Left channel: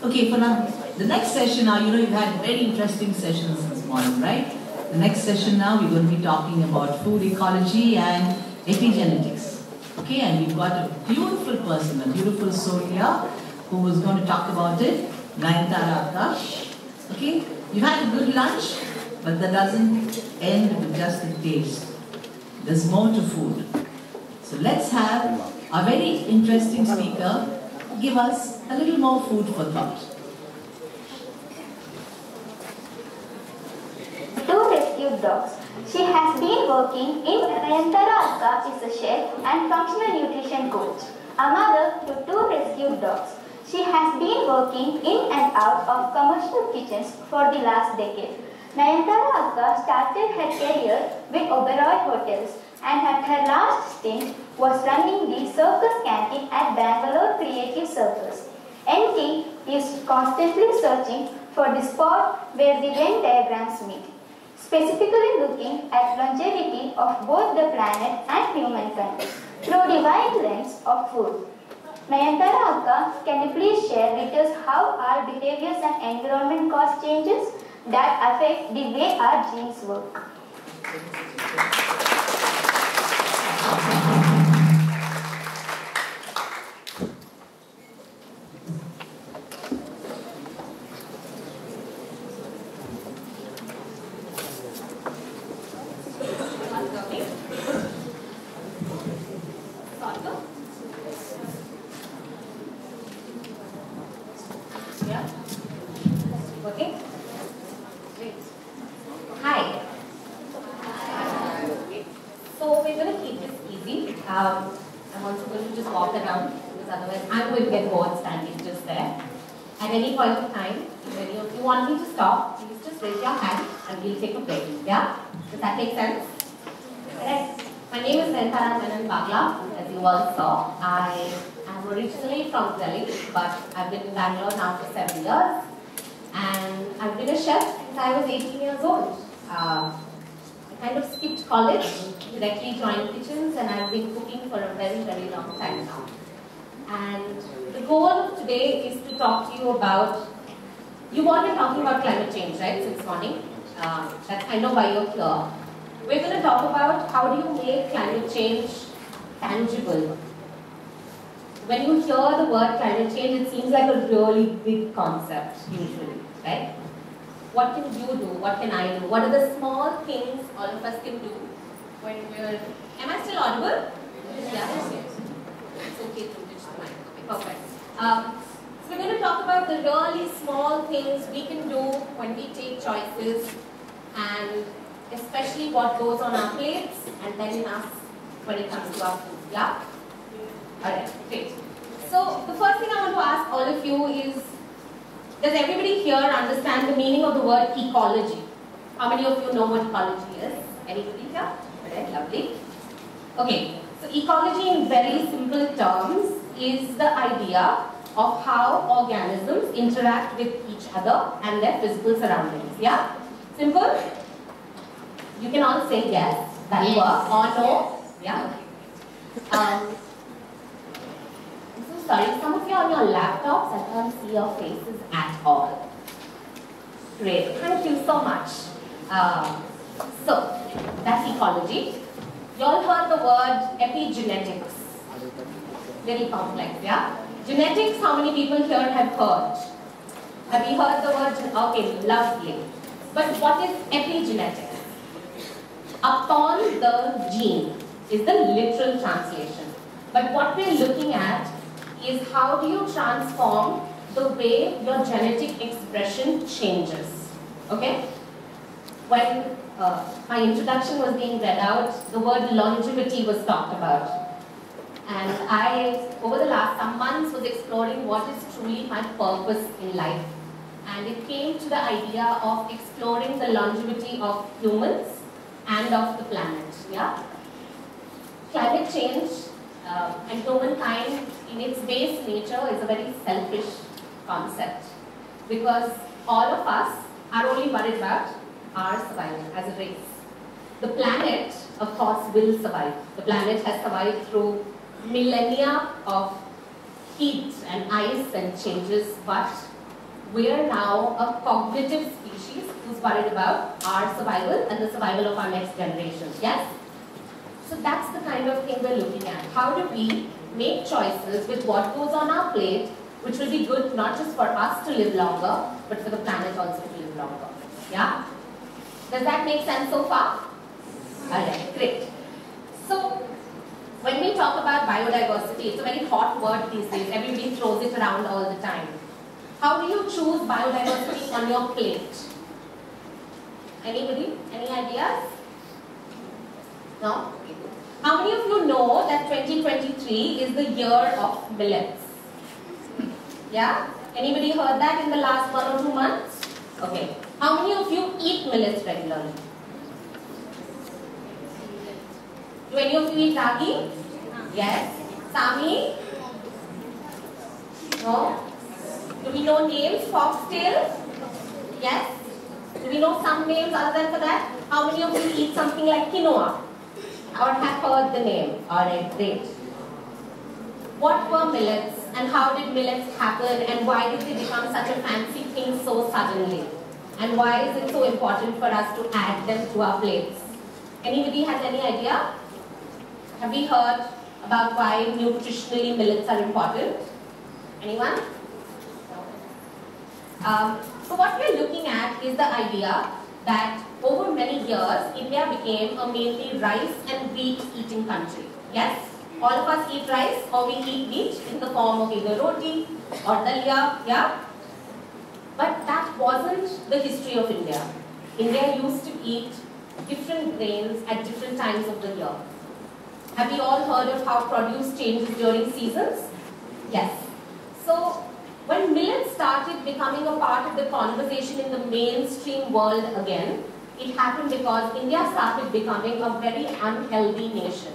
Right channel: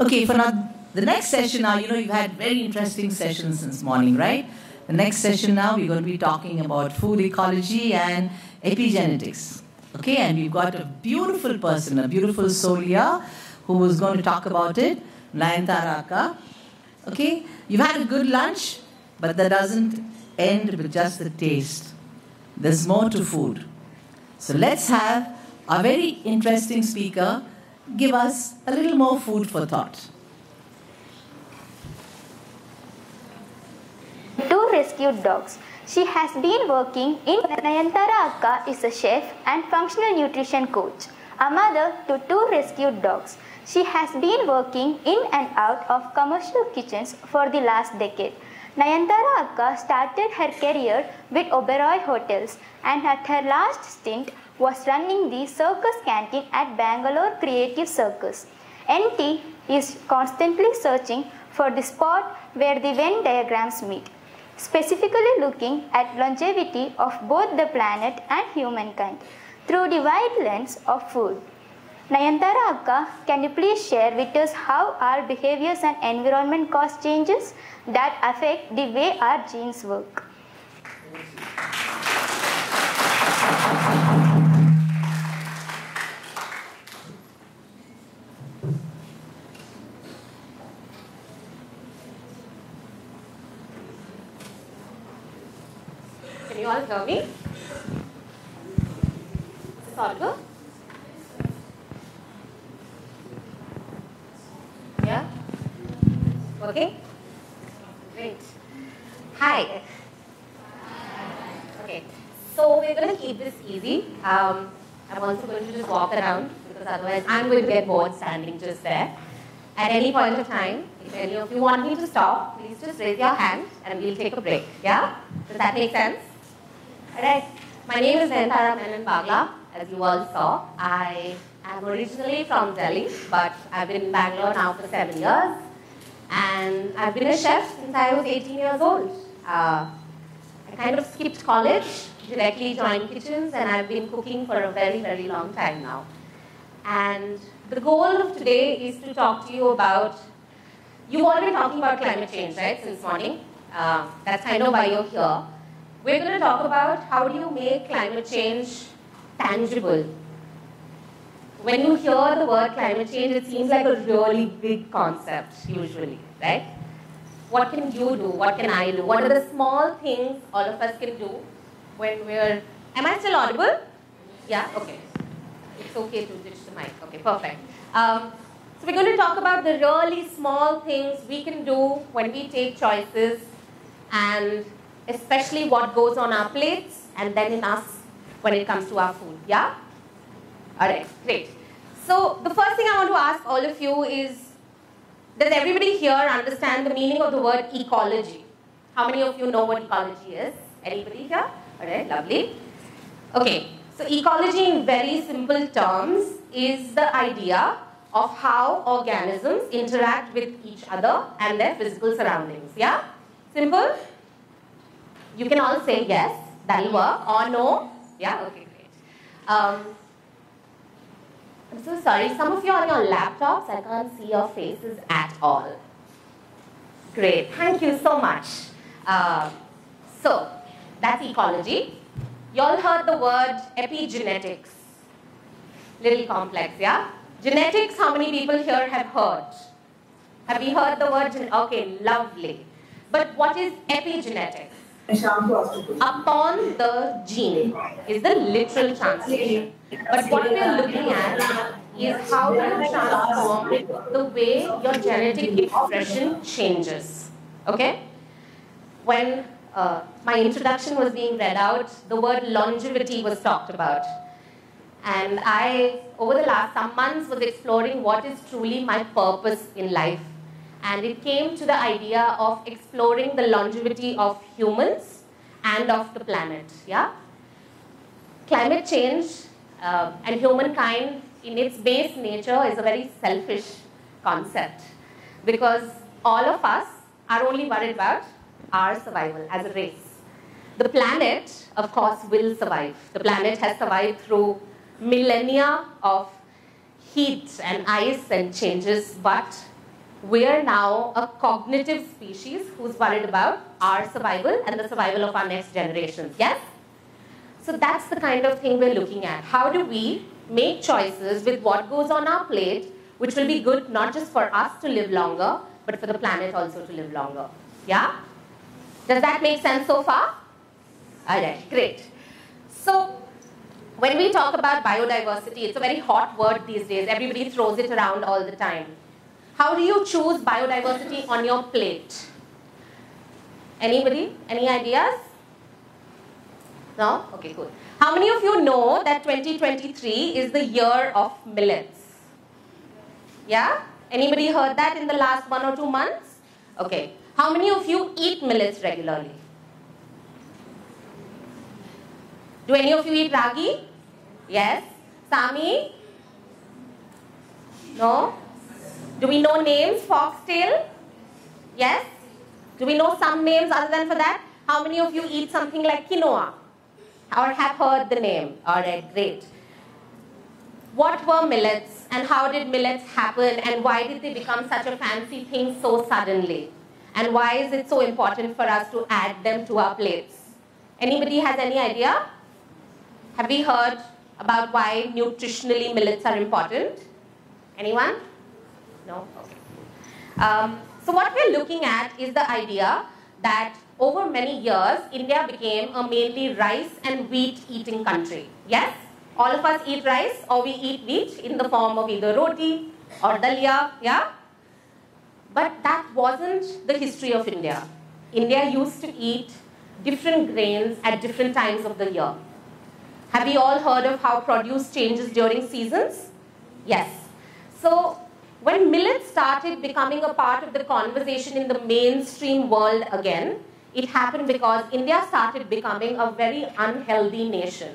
Okay, for now, the next session now, you've had very interesting sessions this morning, right? The next session now, we're going to be talking about food ecology and epigenetics. Okay, and we've got a beautiful person, a beautiful soul here, who is going to talk about it, Nayanthara Akash. Okay, you've had a good lunch, but that doesn't end with just the taste. There's more to food. So let's have a very interesting speaker give us a little more food for thought. Two rescued dogs. She has been working in Nayanthara Akka is a chef and functional nutrition coach. A mother to two rescued dogs. She has been working in and out of commercial kitchens for the last decade. Nayanthara Akka started her career with Oberoi Hotels and at her last stint was running the circus canteen at Bangalore Creative Circus. NT is constantly searching for the spot where the Venn diagrams meet, specifically looking at longevity of both the planet and humankind through the wide lens of food. Nayanthara Akka, can you please share with us how our behaviors and environment cause changes that affect the way our genes work? You all tell me? Sorghum? Yeah? Okay? Great. Hi. Okay. So we're going to keep this easy. I'm also going to just walk around because otherwise I'm going to get bored standing just there. At any point of time, if any of you want me to stop, please just raise your hand and we'll take a break. Yeah? Does that make sense? Correct. My name is Nayanthara Menon Bagla, as you all saw. I am originally from Delhi, but I've been in Bangalore now for 7 years. And I've been a chef since I was 18 years old. I kind of skipped college, directly joined kitchens, and I've been cooking for a very, very long time now. And the goal of today is to talk to you about, you've all been talking about climate change, right, since morning. That's kind of why you're here. We're going to talk about how do you make climate change tangible. When you hear the word climate change, it seems like a really big concept, usually, right? What can you do? What can I do? What are the small things all of us can do when we're... Am I still audible? Yeah? Okay. It's okay to switch the mic. Okay, perfect. So we're going to talk about the really small things we can do when we take choices, and especially what goes on our plates and then in us when it comes to our food. Yeah? Alright, great. So the first thing I want to ask all of you is, does everybody here understand the meaning of the word ecology? How many of you know what ecology is? Anybody here? Alright, lovely. Okay, so ecology in very simple terms is the idea of how organisms interact with each other and their physical surroundings. Yeah? Simple? You can all say yes, that'll work, or no. Yeah? Okay, great. I'm so sorry, some of you are on your laptops, I can't see your faces at all. Great, thank you so much. So, that's ecology. You all heard the word epigenetics. Really complex, yeah? Genetics, how many people here have heard? Have you heard the word? Okay, lovely. But what is epigenetics? Upon the gene is the literal translation. But what we are looking at is how you transform the way your genetic expression changes. Okay? When my introduction was being read out, the word longevity was talked about. And I, over the last some months, was exploring what is truly my purpose in life. And it came to the idea of exploring the longevity of humans and of the planet. Yeah? Climate change and humankind in its base nature is a very selfish concept, because all of us are only worried about our survival as a race. The planet, of course, will survive. The planet has survived through millennia of heat and ice and changes, but we are now a cognitive species who's worried about our survival and the survival of our next generation. Yes? So that's the kind of thing we're looking at. How do we make choices with what goes on our plate, which will be good not just for us to live longer, but for the planet also to live longer. Yeah? Does that make sense so far? Alright, great. So, when we talk about biodiversity, it's a very hot word these days. Everybody throws it around all the time. How do you choose biodiversity on your plate? Anybody? Any ideas? No? Okay, good. How many of you know that 2023 is the year of millets? Yeah? Anybody heard that in the last 1 or 2 months? Okay. How many of you eat millets regularly? Do any of you eat ragi? Yes. Sami? No? Do we know names? Foxtail? Yes? Do we know some names other than for that? How many of you eat something like quinoa? Or have heard the name? Alright, great. What were millets and how did millets happen and why did they become such a fancy thing so suddenly? And why is it so important for us to add them to our plates? Anybody has any idea? Have we heard about why nutritionally millets are important? Anyone? No? So what we're looking at is the idea that over many years, India became a mainly rice and wheat eating country. Yes? All of us eat rice or we eat wheat in the form of either roti or dalia, yeah? But that wasn't the history of India. India used to eat different grains at different times of the year. Have you all heard of how produce changes during seasons? Yes. So, when millets started becoming a part of the conversation in the mainstream world again, it happened because India started becoming a very unhealthy nation.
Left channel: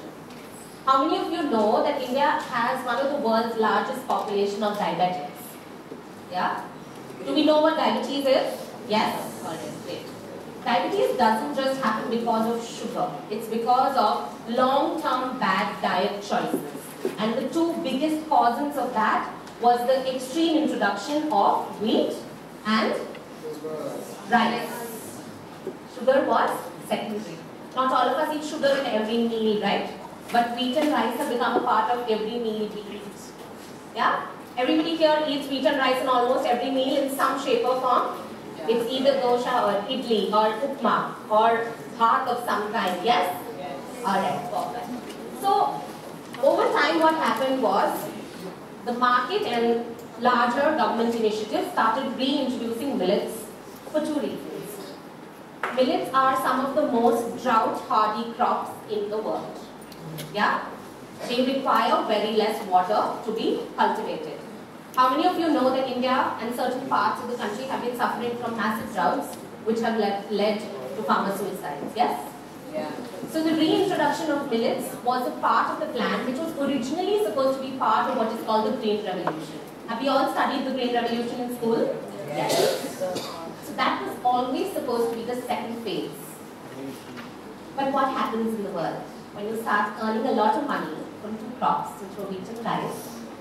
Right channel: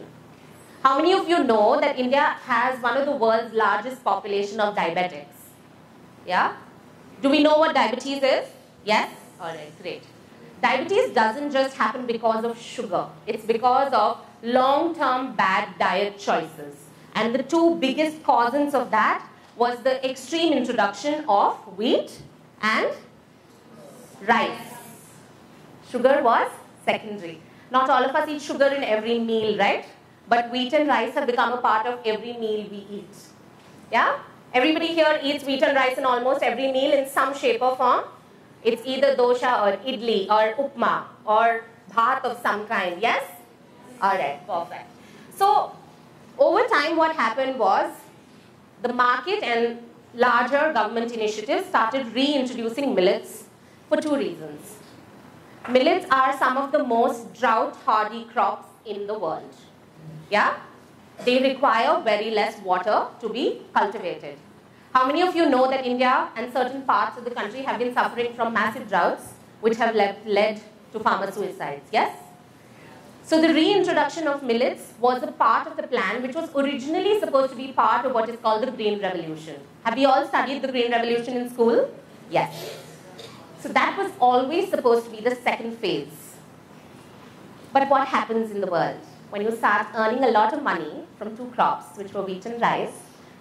How many of you know that India has one of the world's largest population of diabetics? Yeah? Do we know what diabetes is? Yes? Alright, great. Diabetes doesn't just happen because of sugar. It's because of long-term bad diet choices. And the two biggest causes of that was the extreme introduction of wheat and rice. Sugar was secondary. Not all of us eat sugar in every meal, right? But wheat and rice have become a part of every meal we eat. Yeah? Everybody here eats wheat and rice in almost every meal in some shape or form. It's either dosha or idli or upma or bhat of some kind. Yes? Alright, perfect. So, over time what happened was the market and larger government initiatives started reintroducing millets for two reasons. Millets are some of the most drought-hardy crops in the world. Yeah? They require very less water to be cultivated. How many of you know that India and certain parts of the country have been suffering from massive droughts which have led to farmer suicide? Yes? Yeah. So the reintroduction of millets was a part of the plan which was originally supposed to be part of what is called the Green Revolution. Have you all studied the Green Revolution in school? Yes. So that was always supposed to be the second phase. But what happens in the world? When you start earning a lot of money from two crops, which were wheat and rice,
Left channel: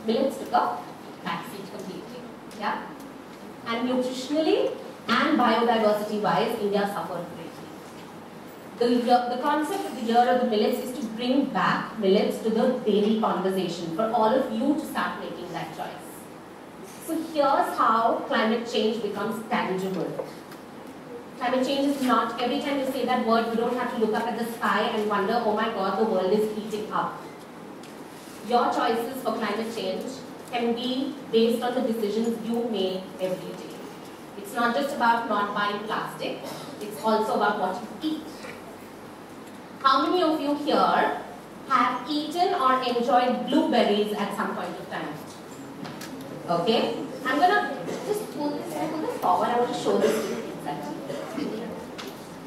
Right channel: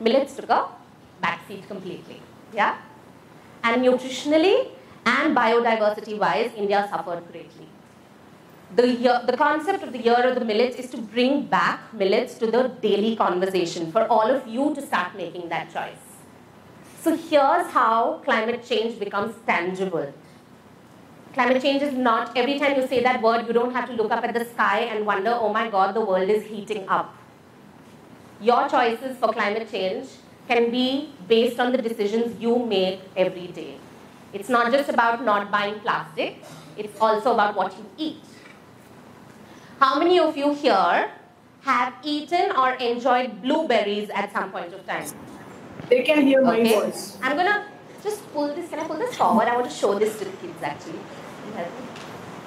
millets took a backseat completely. Yeah? And nutritionally and biodiversity-wise, India suffered greatly. The concept of the year of the millets is to bring back millets to the daily conversation for all of you to start making that choice. So here's how climate change becomes tangible. Climate change is not, every time you say that word, you don't have to look up at the sky and wonder, oh my God, the world is heating up. Your choices for climate change can be based on the decisions you make every day. It's not just about not buying plastic, it's also about what you eat. How many of you here have eaten or enjoyed blueberries at some point of time? They can hear my Okay. voice. I'm gonna just pull this, can I pull this forward? I want to show this to you exactly.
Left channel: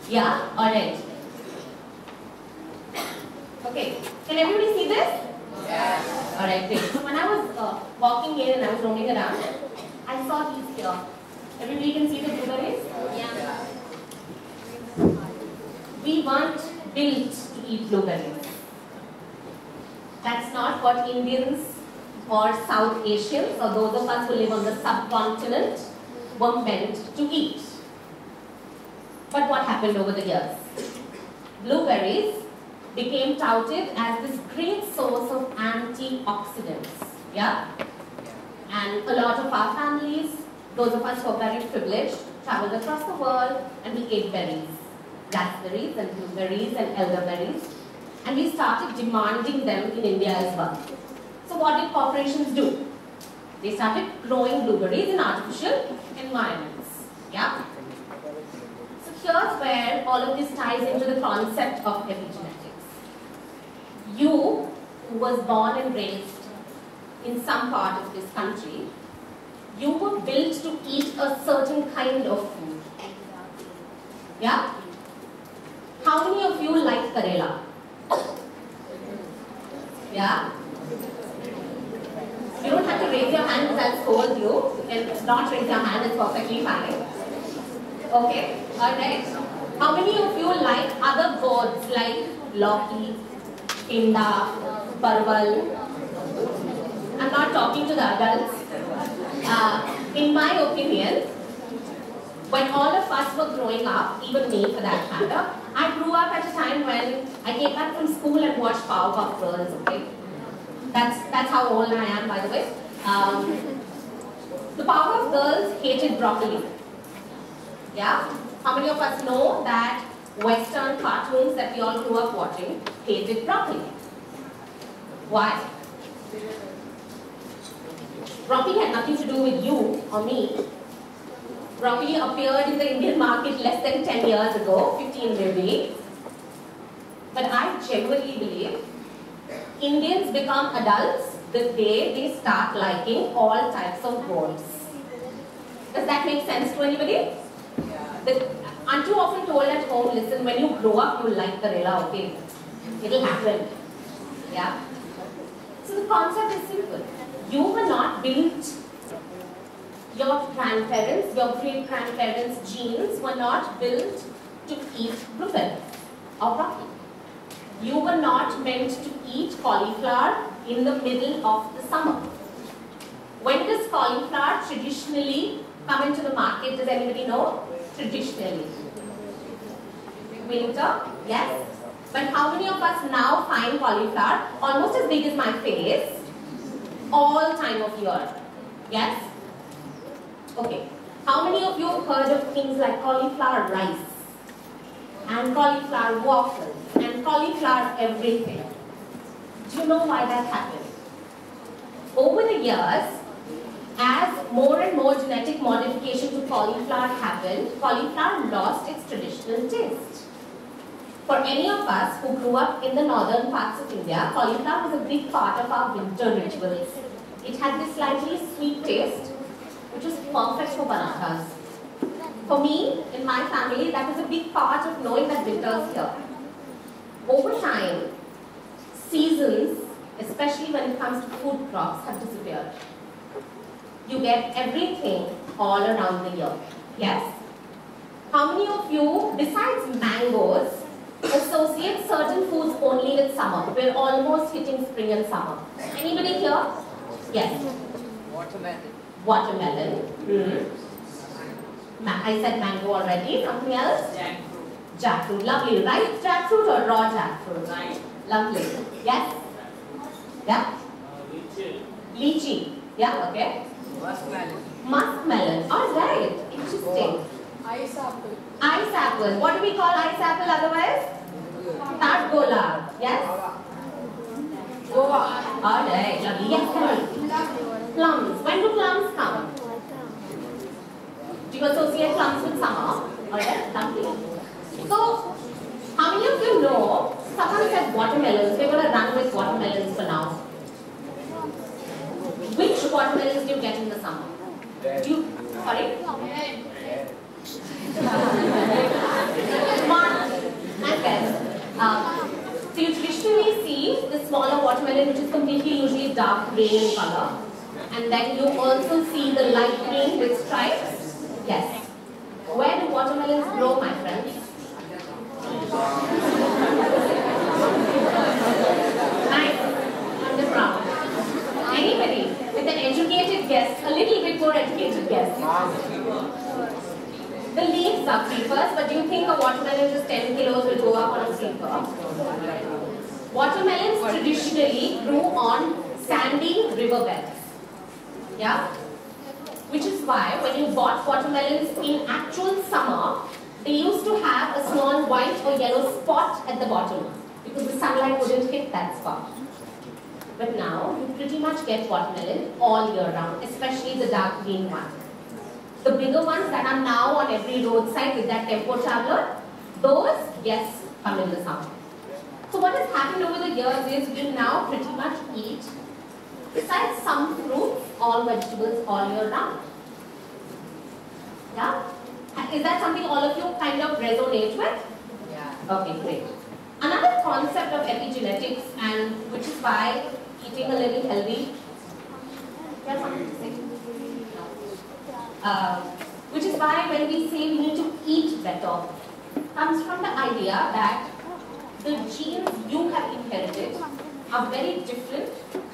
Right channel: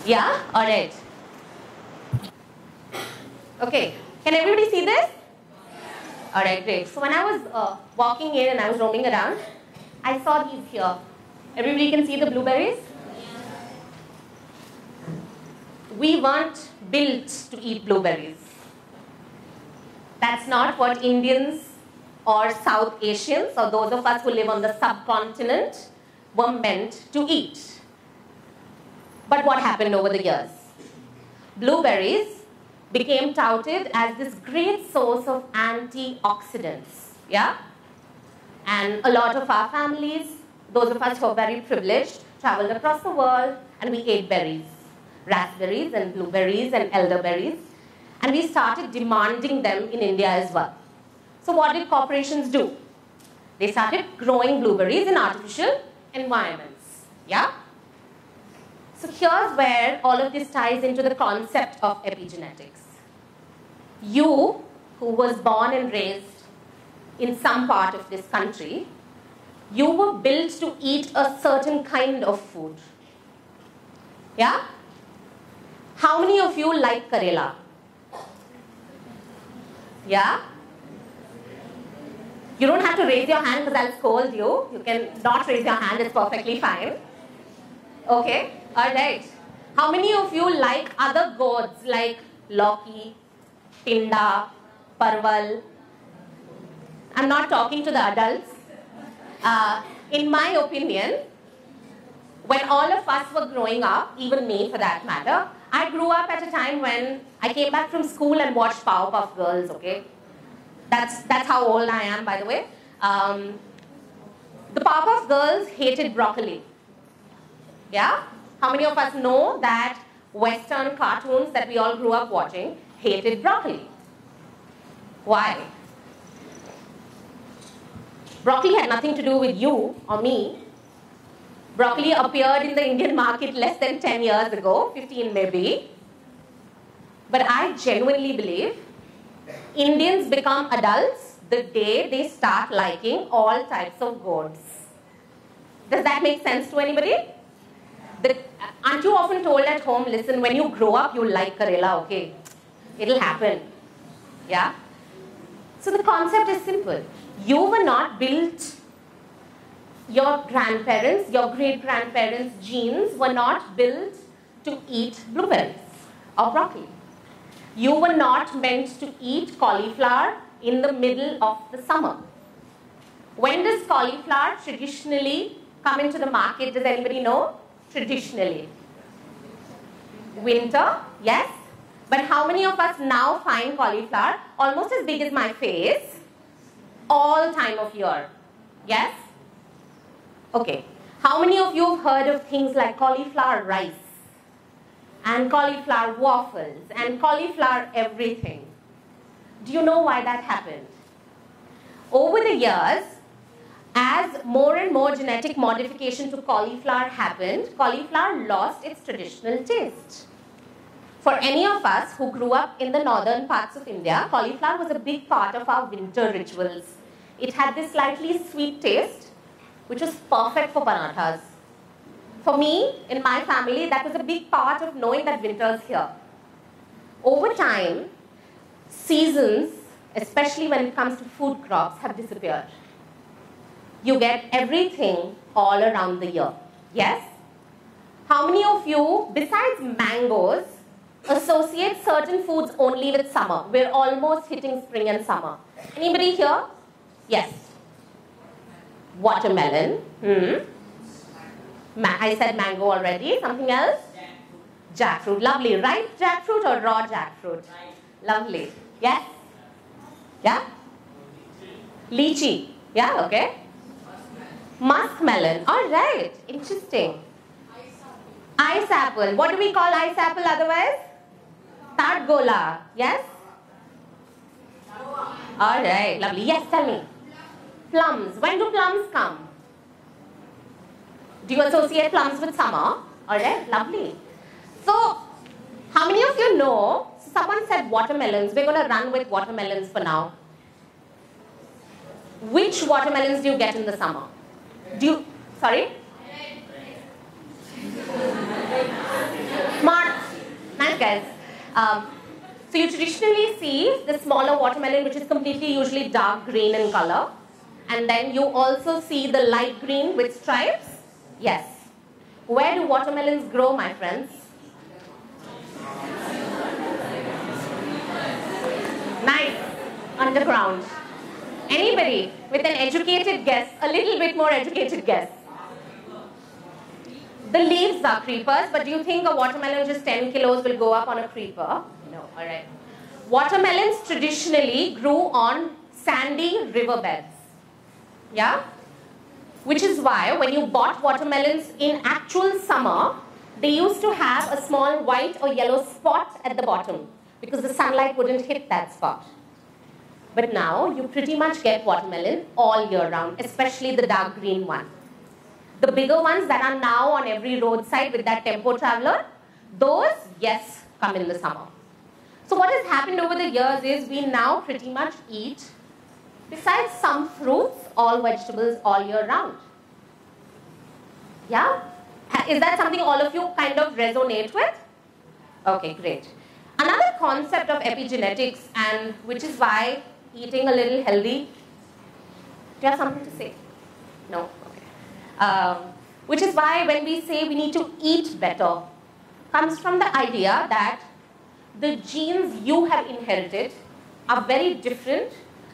Yeah? Alright. Okay. Can everybody see this? Yeah. Alright, great. So when I was walking in and I was roaming around, I saw these here. Everybody can see the blueberries? Yeah. We weren't built to eat blueberries. That's not what Indians or South Asians or those of us who live on the subcontinent were meant to eat. But what happened over the years? Blueberries became touted as this great source of antioxidants. Yeah? And a lot of our families, those of us who are very privileged, traveled across the world and we ate berries. Raspberries and blueberries and elderberries. And we started demanding them in India as well. So what did corporations do? They started growing blueberries in artificial environments. Yeah? So here's where all of this ties into the concept of epigenetics. You, who was born and raised in some part of this country, you were built to eat a certain kind of food. Yeah? How many of you like Karela? Yeah? You don't have to raise your hand because I'll scold you. You can not raise your hand, it's perfectly fine. Okay? Alright. How many of you like other gourds like Loki, Pinda, Parval? I'm not talking to the adults. In my opinion, when all of us were growing up, even me for that matter, I grew up at a time when I came back from school and watched Powerpuff Girls, okay? That's how old I am, by the way. The Powerpuff Girls hated broccoli. Yeah? How many of us know that Western cartoons that we all grew up watching hated broccoli? Why? Broccoli had nothing to do with you or me. Broccoli appeared in the Indian market less than 10 years ago, 15 maybe. But I genuinely believe Indians become adults the day they start liking all types of gourds. Does that make sense to anybody? Aren't you often told at home, listen, when you grow up, you'll like Karela, okay? It'll happen. Yeah? So the concept is simple. You were not built, your grandparents, your great-grandparents' genes were not built to eat blueberries or broccoli. You were not meant to eat cauliflower in the middle of the summer. When does cauliflower traditionally come into the market? Does anybody know? Traditionally. Winter, yes. But how many of us now find cauliflower almost as big as my face all time of year? Yes? Okay. How many of you have heard of things like cauliflower rice and cauliflower waffles and cauliflower everything? Do you know why that happened? Over the years, as more and more genetic modification to cauliflower happened, cauliflower lost its traditional taste. For any of us who grew up in the northern parts of India, cauliflower was a big part of our winter rituals. It had this slightly sweet taste, which was perfect for parathas. For me, in my family, that was a big part of knowing that winter is here. Over time, seasons, especially when it comes to food crops, have disappeared. You get everything all around the year. Yes? How many of you, besides mangoes, associate certain foods only with summer? We're almost hitting spring and summer. Anybody here? Yes? Watermelon. Watermelon. I said mango already. Something else? Jackfruit. Jackfruit. Lovely. Ripe jackfruit or raw jackfruit? Right. Lovely. Yes? Yeah? Lychee. Yeah, okay. Muskmelon. Muskmelon. Alright. Interesting. Ice apple. Ice apple. What do we call ice apple otherwise? Tatgola. Yes? Guava. Alright. Lovely. Yes, tell me. Plums. When do plums come? Do you associate plums with summer? Alright. Lovely. So, how many of you know, someone said watermelons. We're going to run with watermelons for now. Which watermelons do you get in the summer? Do you, sorry? Smart. Nice guys. So you traditionally see the smaller watermelon, which is completely usually dark green in color. And then you also see the light green with stripes. Yes. Where do watermelons grow, my friends? Nice. Underground. Anybody with an educated guess, a little bit more educated guess? The leaves are creepers, but do you think a watermelon just 10 kilos will go up on a creeper? Alright. Watermelons traditionally grew on sandy riverbeds. Yeah? Which is why when you bought watermelons in actual summer, they used to have a small white or yellow spot at the bottom because the sunlight wouldn't hit that spot. But now you pretty much get watermelon all year round, especially the dark green one. The bigger ones that are now on every roadside with that tempo traveler, those, yes, come in the summer. So what has happened over the years is we now pretty much eat, besides some fruits, all vegetables all year round. Yeah? Is that something all of you kind of resonate with? Yeah. Okay, great. Another concept of epigenetics, and which is why eating a little healthy. Do you have something to say? No. Which is why when we say we need to eat better, comes from the idea that the genes you have inherited are very different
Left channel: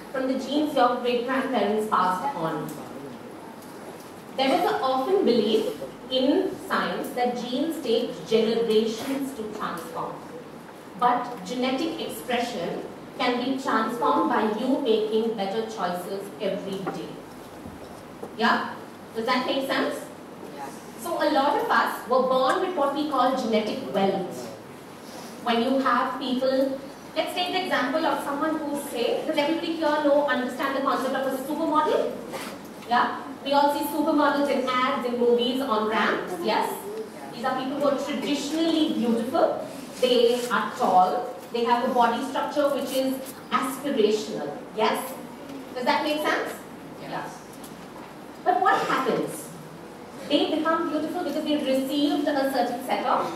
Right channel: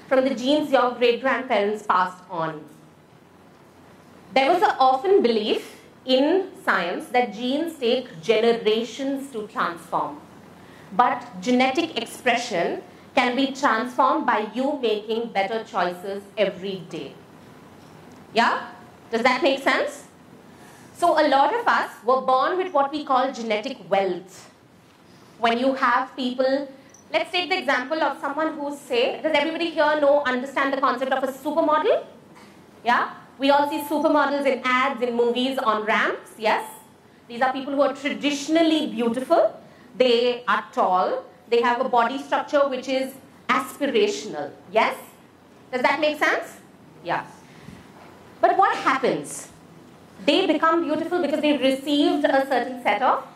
from the genes your great-grandparents passed on. There was an often belief in science that genes take generations to transform. But genetic expression can be transformed by you making better choices every day. Yeah? Does that make sense? Yeah. So a lot of us were born with what we call genetic wealth. When you have people, let's take the example of someone who say, does everybody here understand the concept of a supermodel? Yeah? We all see supermodels in ads, in movies, on ramps, yes? These are people who are traditionally beautiful. They are tall. They have a body structure which is aspirational, yes? Does that make sense? Yeah. But what happens? They become beautiful because they received a certain set of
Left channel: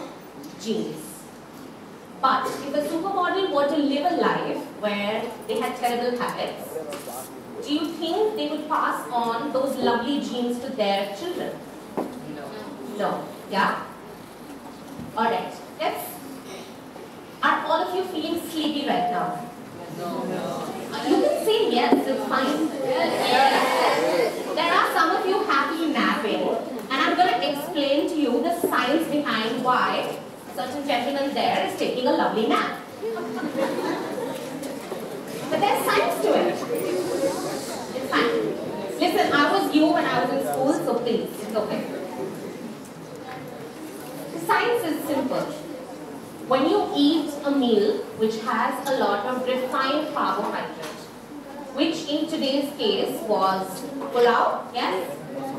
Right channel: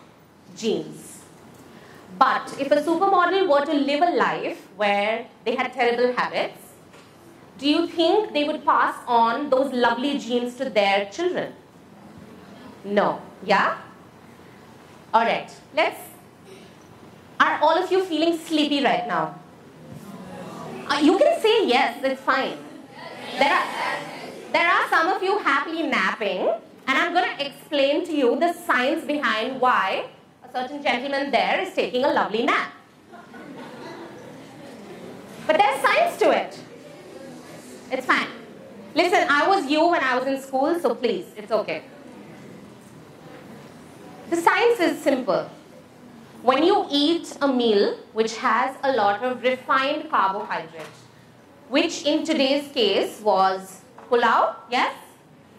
genes. But if a supermodel were to live a life where they had terrible habits, do you think they would pass on those lovely genes to their children? No. Yeah? Alright, are all of you feeling sleepy right now? You can say yes, that's fine. There are some of you happy napping, and I'm going to explain to you the science behind why certain gentleman there is taking a lovely nap. But there's science to it. It's fine. Listen, I was you when I was in school, so please, it's okay. The science is simple. When you eat a meal which has a lot of refined carbohydrates, which in today's case was pulao, yes,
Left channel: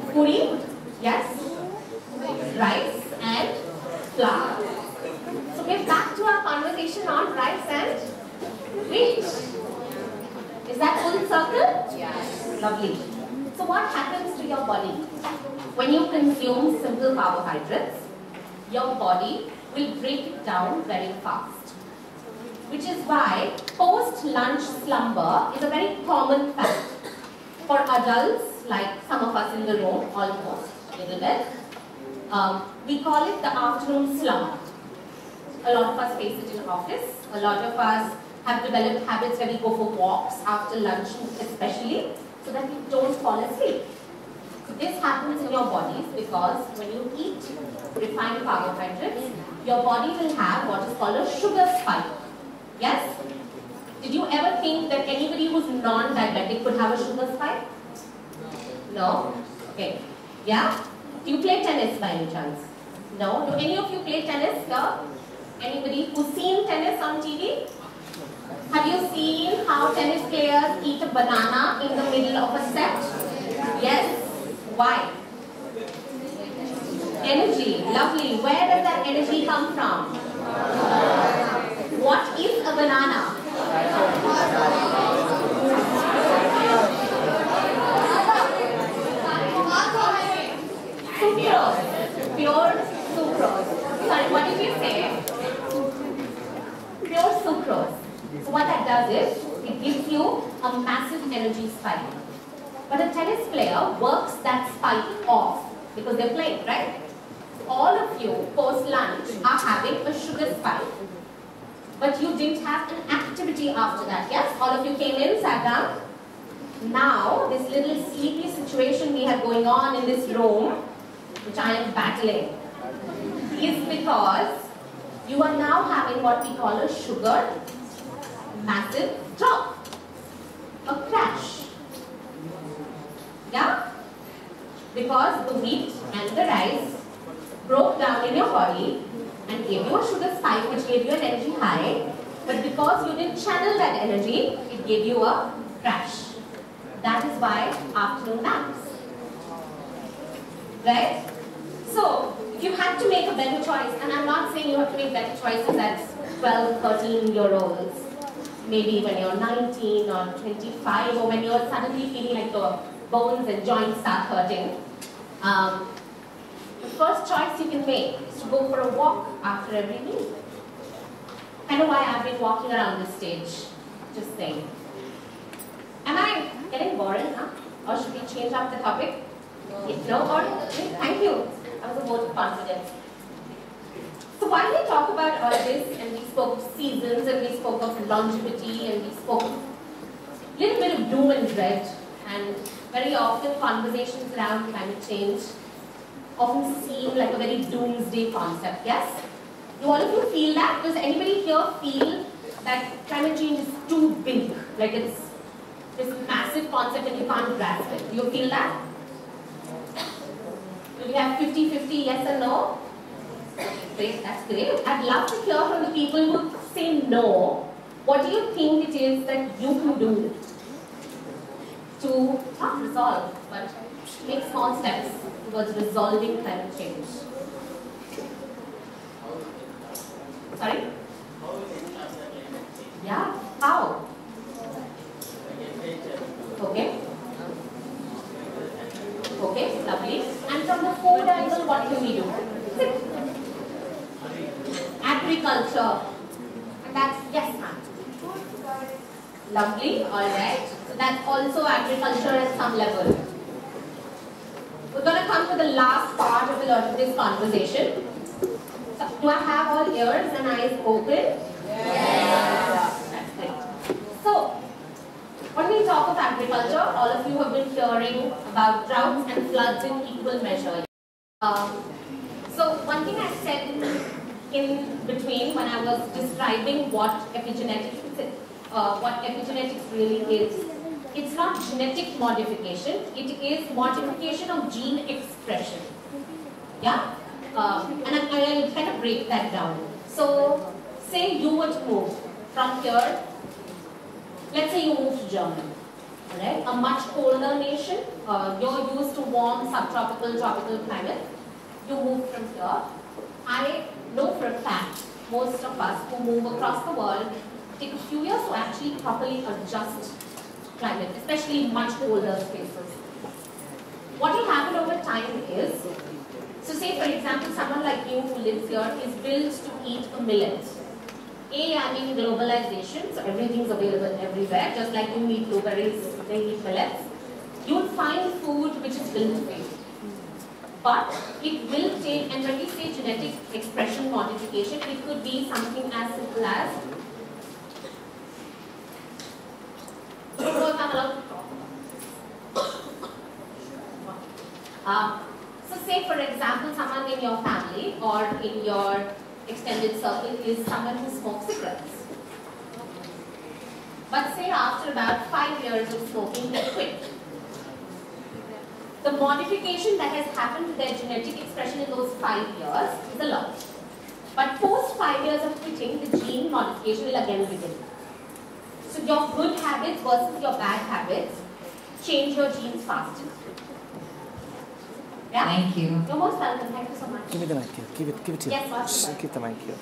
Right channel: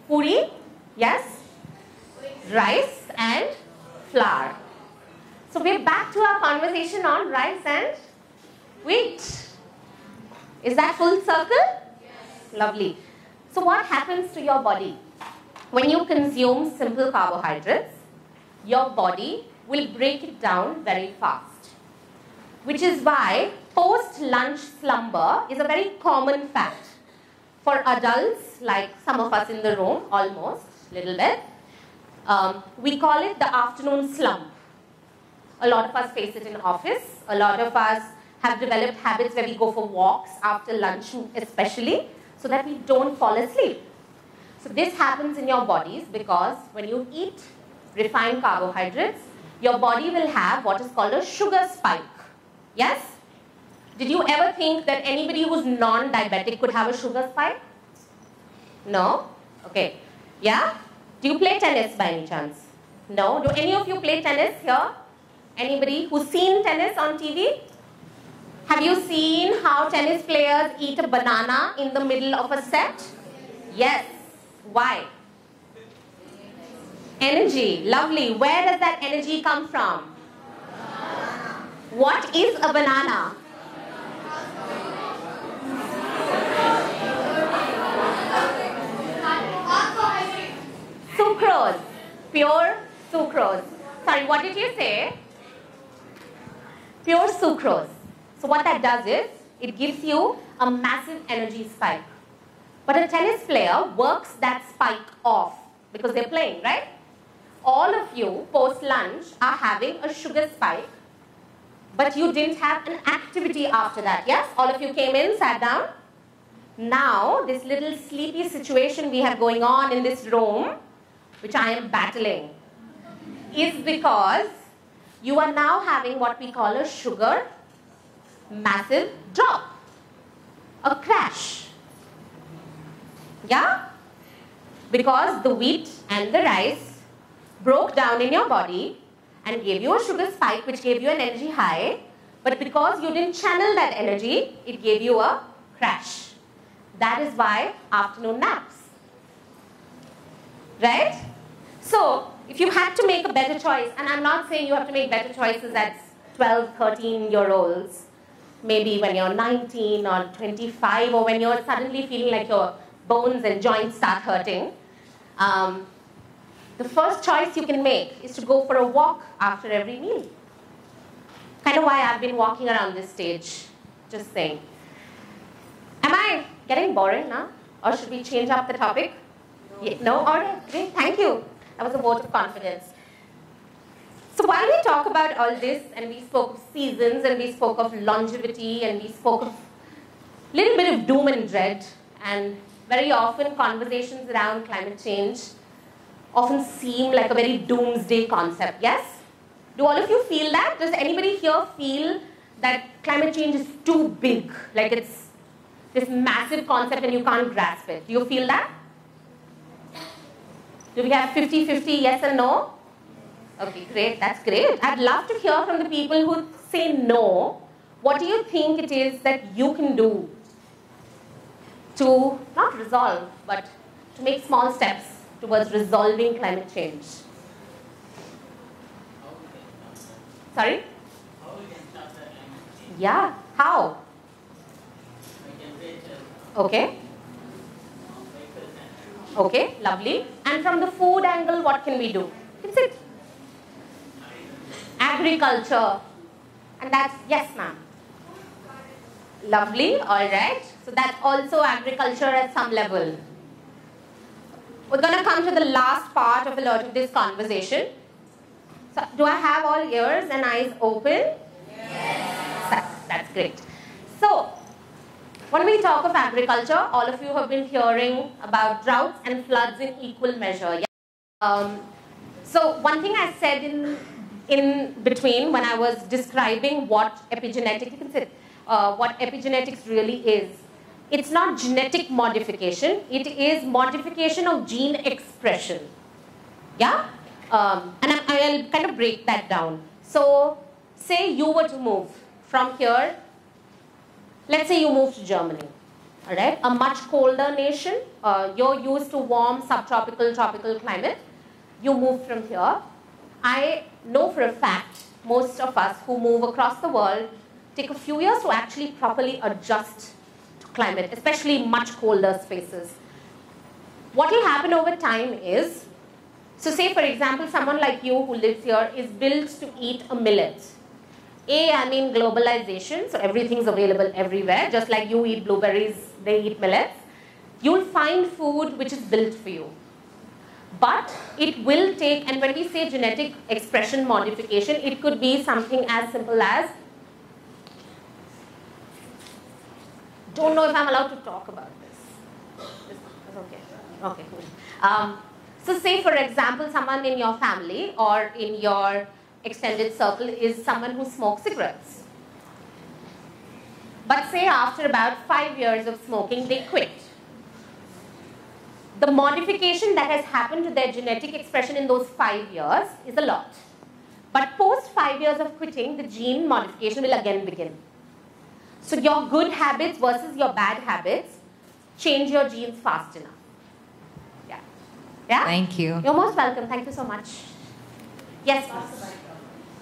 puri, yes, rice and flour. So we're back to our conversation on rice and wheat. Is that full circle? Yes. Lovely. So what happens to your body? When you consume simple carbohydrates, your body will break it down very fast. Which is why post-lunch slumber is a very common fact. For adults, like some of us in the room, almost, a little bit, we call it the afternoon slump. A lot of us face it in office. A lot of us have developed habits where we go for walks after lunch especially, so that we don't fall asleep. So this happens in your bodies because when you eat refined carbohydrates, your body will have what is called a sugar spike. Yes? Did you ever think that anybody who's non-diabetic could have a sugar spike? No? Okay. Yeah? Do you play tennis by any chance? No? Do any of you play tennis here? Anybody who's seen tennis on TV? Have you seen how tennis players eat a banana in the middle of a set? Yes. Why? Energy. Lovely. Where does that energy come from? What is a banana? Sucrose. Pure sucrose. Sorry, what did you say? Pure sucrose. So what that does is, it gives you a massive energy spike. But a tennis player works that spike off because they're playing, right? All of you post-lunch are having a sugar spike, but you didn't have an activity after that, yes? All of you came in, sat down. now this little sleepy situation we have going on in this room, which I am battling, is because you are now having what we call a sugar massive drop, a crash. Yeah? Because the wheat and the rice broke down in your body and gave you a sugar spike which gave you an energy high, but because you didn't channel that energy, it gave you a crash. That is why afternoon naps. Right? So, if you had to make a better choice, and I'm not saying you have to make better choices at 12, 13-year-olds, maybe when you're 19 or 25, or when you're suddenly feeling like your bones and joints start hurting, the first choice you can make is to go for a walk after every meal. Kind of why I've been walking around this stage. Just saying. Am I getting boring now? Or should we change up the topic? No? Or, okay, thank you. That was a vote of confidence. So while we talk about all of this, and we spoke of seasons, and we spoke of longevity, and we spoke of a little bit of doom and dread, and very often conversations around climate change often seem like a very doomsday concept, yes? Do all of you feel that? Does anybody here feel that climate change is too big? Like it's this massive concept and you can't grasp it. Do you feel that? Do we have 50-50 yes and no? Okay, great, that's great. I'd love to hear from the people who say no. What do you think it is that you can do to not resolve, but make small steps towards resolving climate change? Sorry? Yeah, how? Okay. Okay, lovely. And from the food angle, what can we do? Is it agriculture? And that's, yes ma'am. Lovely, alright. So that's also agriculture at some level. We're going to come to the last part of this conversation. So, do I have all ears and eyes open? Yes. That's great. So, when we talk of agriculture, all of you have been hearing about droughts and floods in equal measure. Yeah? So, one thing I said in between when I was describing what epigenetics really is, it's not genetic modification, it is modification of gene expression. Yeah? And I'll kind of break that down. So, say you were to move from here, let's say you move to Germany, alright? A much colder nation, you're used to warm, subtropical, tropical climate. You move from here. I know for a fact, most of us who move across the world take a few years to actually properly adjust to climate, especially much colder spaces. What will happen over time is, so say for example, someone like you who lives here is built to eat a millet. I mean globalization, so everything's available everywhere, just like you eat blueberries, they eat millets. You'll find food which is built for you. But it will take, and when we say genetic expression modification, it could be something as simple as, don't know if I'm allowed to talk about this. Okay. So say for example, someone in your family or in your extended circle is someone who smokes cigarettes. But say after about 5 years of smoking, they quit. The modification that has happened to their genetic expression in those 5 years is a lot. But post 5 years of quitting, the gene modification will again begin. So your good habits versus your bad habits change your genes fast enough. Yeah. Yeah? Thank you. You're most welcome. Thank you so much. Give me the mic here. Give it to Yes. Just keep the mic here.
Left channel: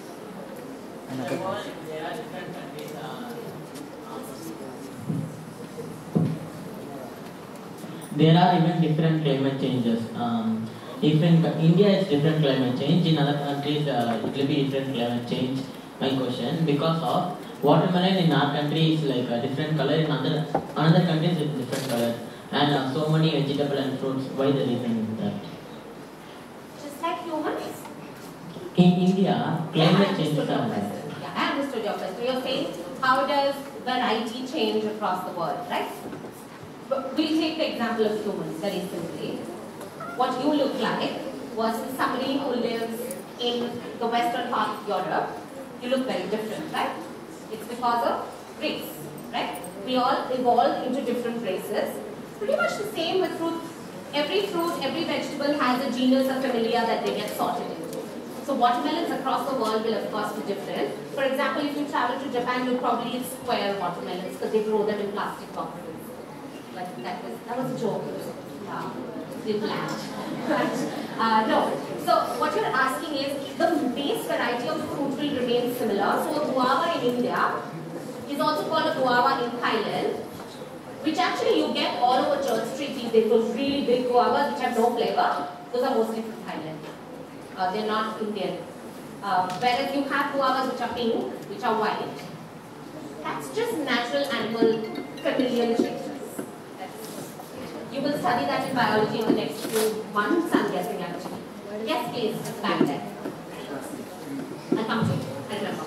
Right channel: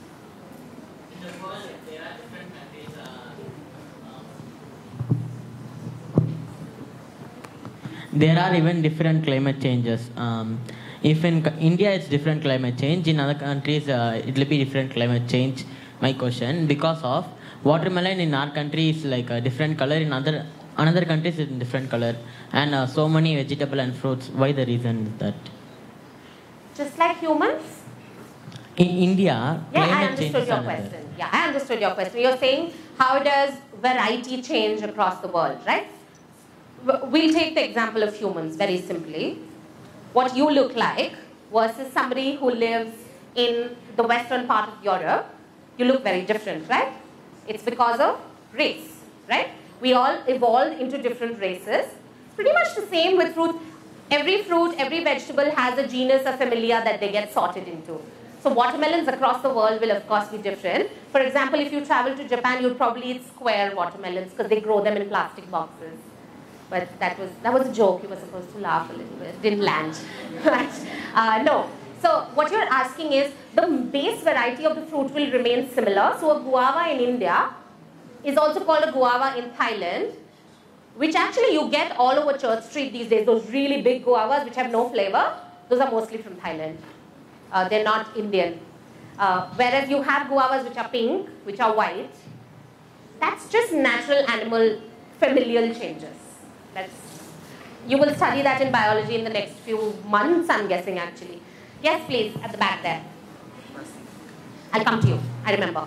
There are even different climate changes. If in India it's different climate change, in other countries it will be different climate change. My question, because of watermelon in our country is like a different color, in another countries it's different color, and so many vegetable and fruits. Why the reason is that? Just like humans? In India, Yeah, I climate change understood is your another. question. Yeah, I understood your question. You're saying, how does variety change across the world, right? we'll take the example of humans very simply. What you look like versus somebody who lives in the western part of Europe, you look very different, right? It's because of race, right? We all evolved into different races. Pretty much the same with fruit. Every fruit, every vegetable has a genus or familia that they get sorted into. So watermelons across the world will of course be different. For example, if you travel to Japan, you'll probably eat square watermelons because they grow them in plastic boxes. But that was a joke. You were supposed to laugh. It didn't land. Right? No. So what you're asking is the base variety of the fruit will remain similar. So a guava in India is also called a guava in Thailand, which actually you get all over Church Street these days. Those really big guavas which have no flavor, those are mostly from Thailand. They're not Indian. Whereas you have guavas which are pink, which are white. That's just natural animal familial changes. You will study that in biology in the next few months, I'm guessing actually. Yes, please, at the back there. I'll come to you, I remember.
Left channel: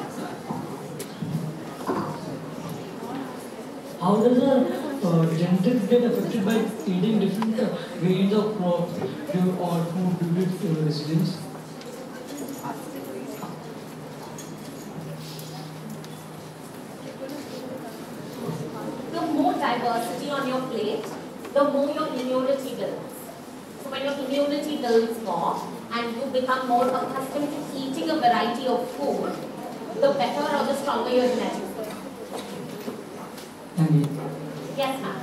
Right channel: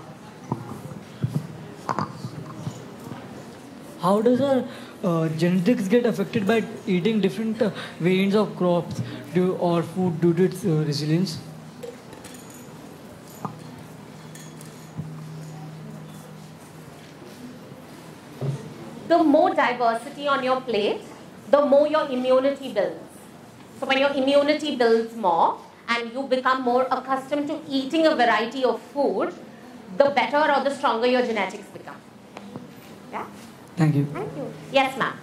How does our genetics get affected by eating different variants of crops or food due to its resilience? The more diversity on your plate, the more your immunity builds. So when your immunity builds more and you become more accustomed to eating a variety of food, the better or the stronger your genetics become. Yeah? Thank you. Yes, ma'am.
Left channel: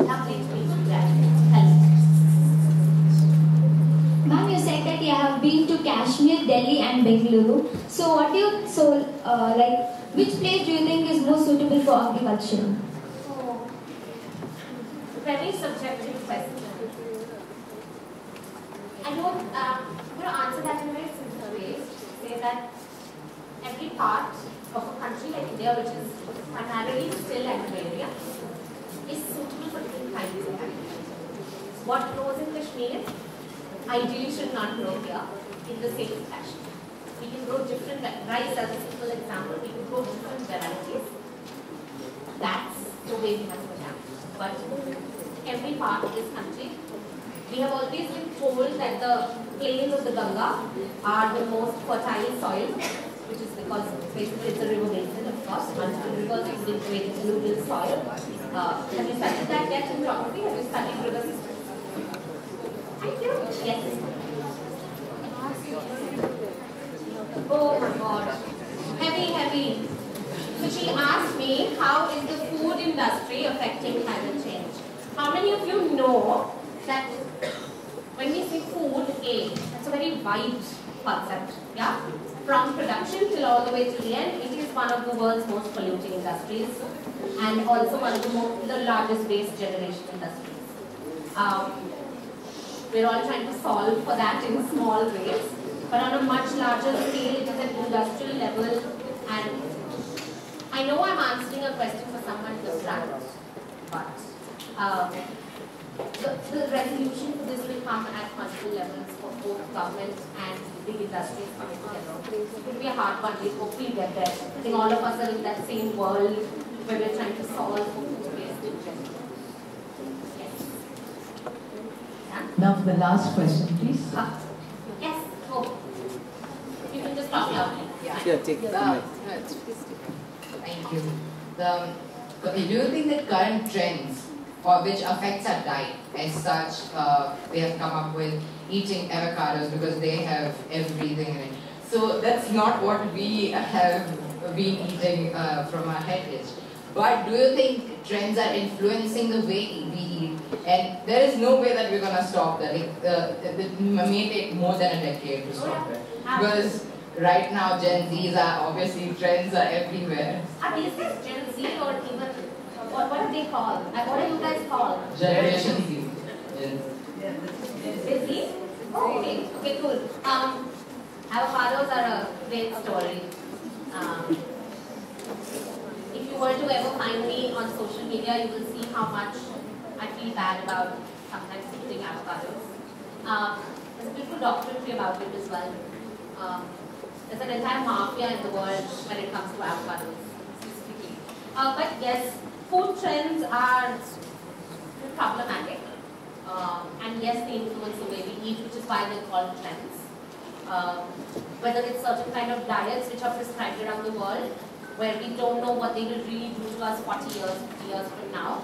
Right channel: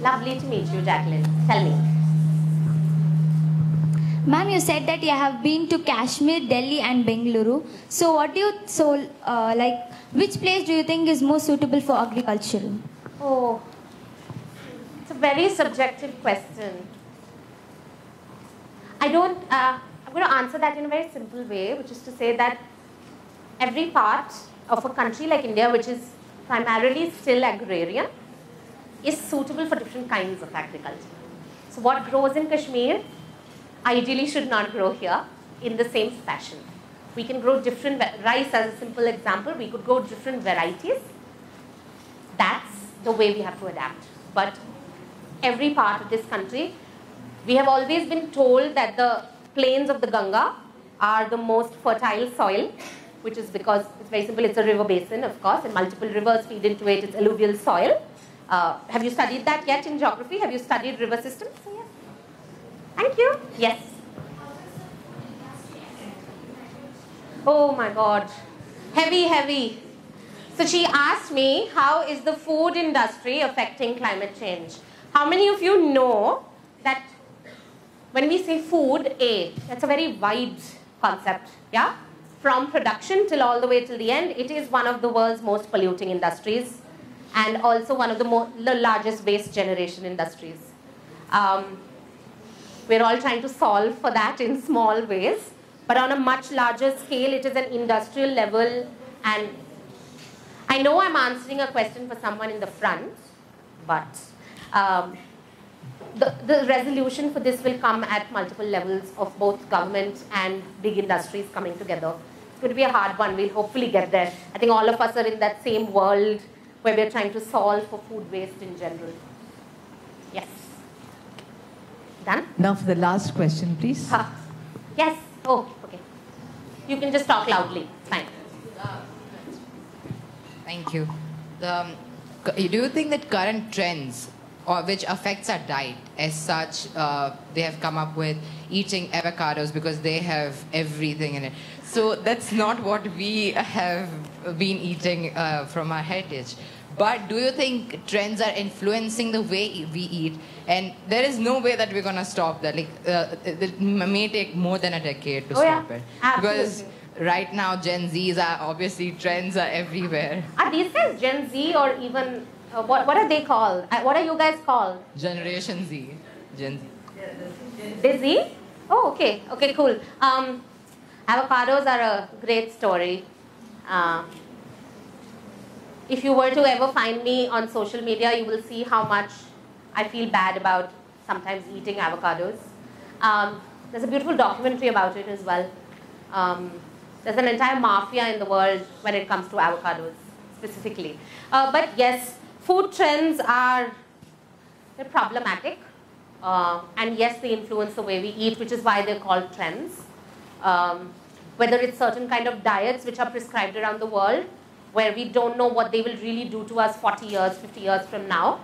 Lovely to meet you, Jacqueline. Tell me. Ma'am, you said that you have been to Kashmir, Delhi and Bengaluru. So which place do you think is most suitable for agriculture? Oh, it's a very subjective question. I'm going to answer that in a very simple way, which is to say that every part of a country like India, which is primarily still agrarian, is suitable for different kinds of agriculture. So what grows in Kashmir ideally should not grow here in the same fashion. We can grow different rice as a simple example. We could grow different varieties. That's the way we have to adapt. But every part of this country, we have always been told that the plains of the Ganga are the most fertile soil, which is because vegetable is a river basin, of course, and multiple rivers feed into it, it's alluvial soil. Have you studied that yet in geography? Have you studied river systems? Thank you. Yes. Oh my God. Heavy, heavy. So she asked me, how is the food industry affecting climate change? How many of you know that when we say food aid, that's a very wide concept, yeah? From production till all the way to the end, it is one of the world's most polluting industries and also one of the largest waste generation industries. We're all trying to solve for that in small ways, but on a much larger scale, it is an industrial level. And I know I'm answering a question for someone in the front, but the resolution for this will come at multiple levels of both government and big industries coming together. It's going to be a hard one. We'll hopefully get there. I think all of us are in that same world where we're trying to solve for food waste in general. Yes. Done? Now for the last question, please. Yes. Oh, okay. You can just talk loudly. Fine. Yeah, take it. Thank you. Do you think that current trends, or which affects our diet as such, they have come up with eating avocados because they have everything in it. So that's not what we have been eating from our heritage. But do you think trends are influencing the way we eat? And there is no way that we're going to stop that. Like, it may take more than a decade to stop it. Because right now Gen Zs are obviously, trends are everywhere. Are these days Gen Z or even, what are they called? What are you guys called? Generation Z. Gen Z? Oh, okay. Okay, cool. Avocados are a great story. If you were to ever find me on social media, you will see how much I feel bad about sometimes eating avocados. There's a beautiful documentary about it as well. There's an entire mafia in the world when it comes to avocados, specifically. But yes, food trends are problematic. And yes, they influence the way we eat, which is why they're called trends. Whether it's certain kind of diets which are prescribed around the world, where we don't know what they will really do to us 40 years, 50 years from now.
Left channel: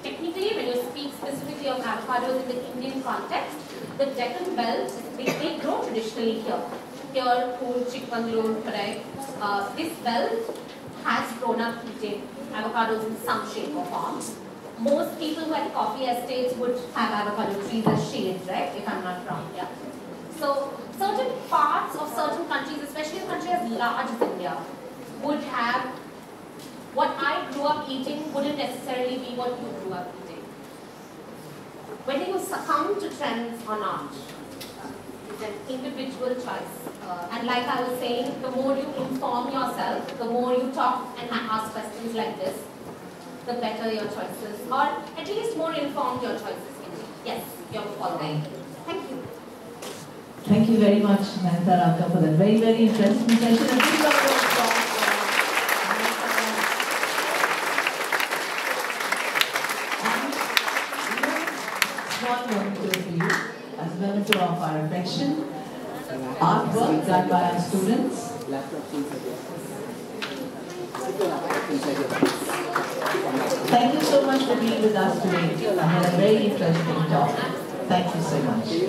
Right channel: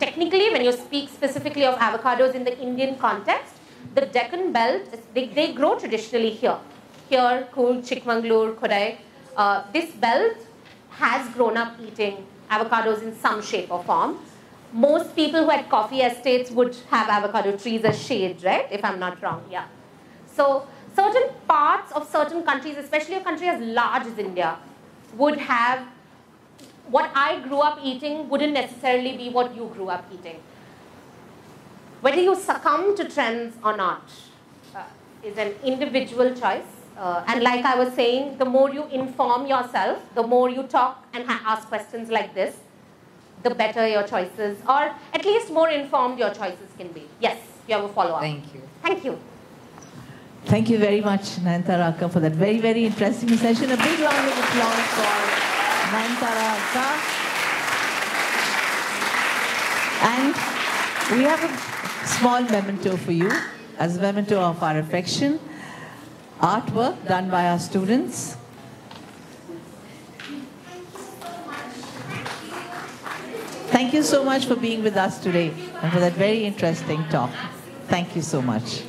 Technically, when you speak specifically of avocados in the Indian context, the Deccan belt, they grow traditionally here. Here, Coorg, Chikmagalur, Kodai. This belt has grown up eating avocados in some shape or form. Most people who had coffee estates would have avocado trees as shades, right? If I'm not wrong, yeah. So, certain parts of certain countries, especially a country as large as India, would have what I grew up eating wouldn't necessarily be what you grew up eating. Whether you succumb to trends or not is an individual choice. And like I was saying, the more you inform yourself, the more you talk and ask questions like this, the better your choices, or at least more informed your choices can be. Yes, you have a follow-up. Thank you. Thank you. Thank you very much, Nayanthara Akka, for that very, very interesting session. A big round of applause for Nayanthara Akka. And we have a small memento for you, as a memento of our affection. Artwork done by our students. Thank you so much for being with us today and for that very interesting talk. Thank you so much.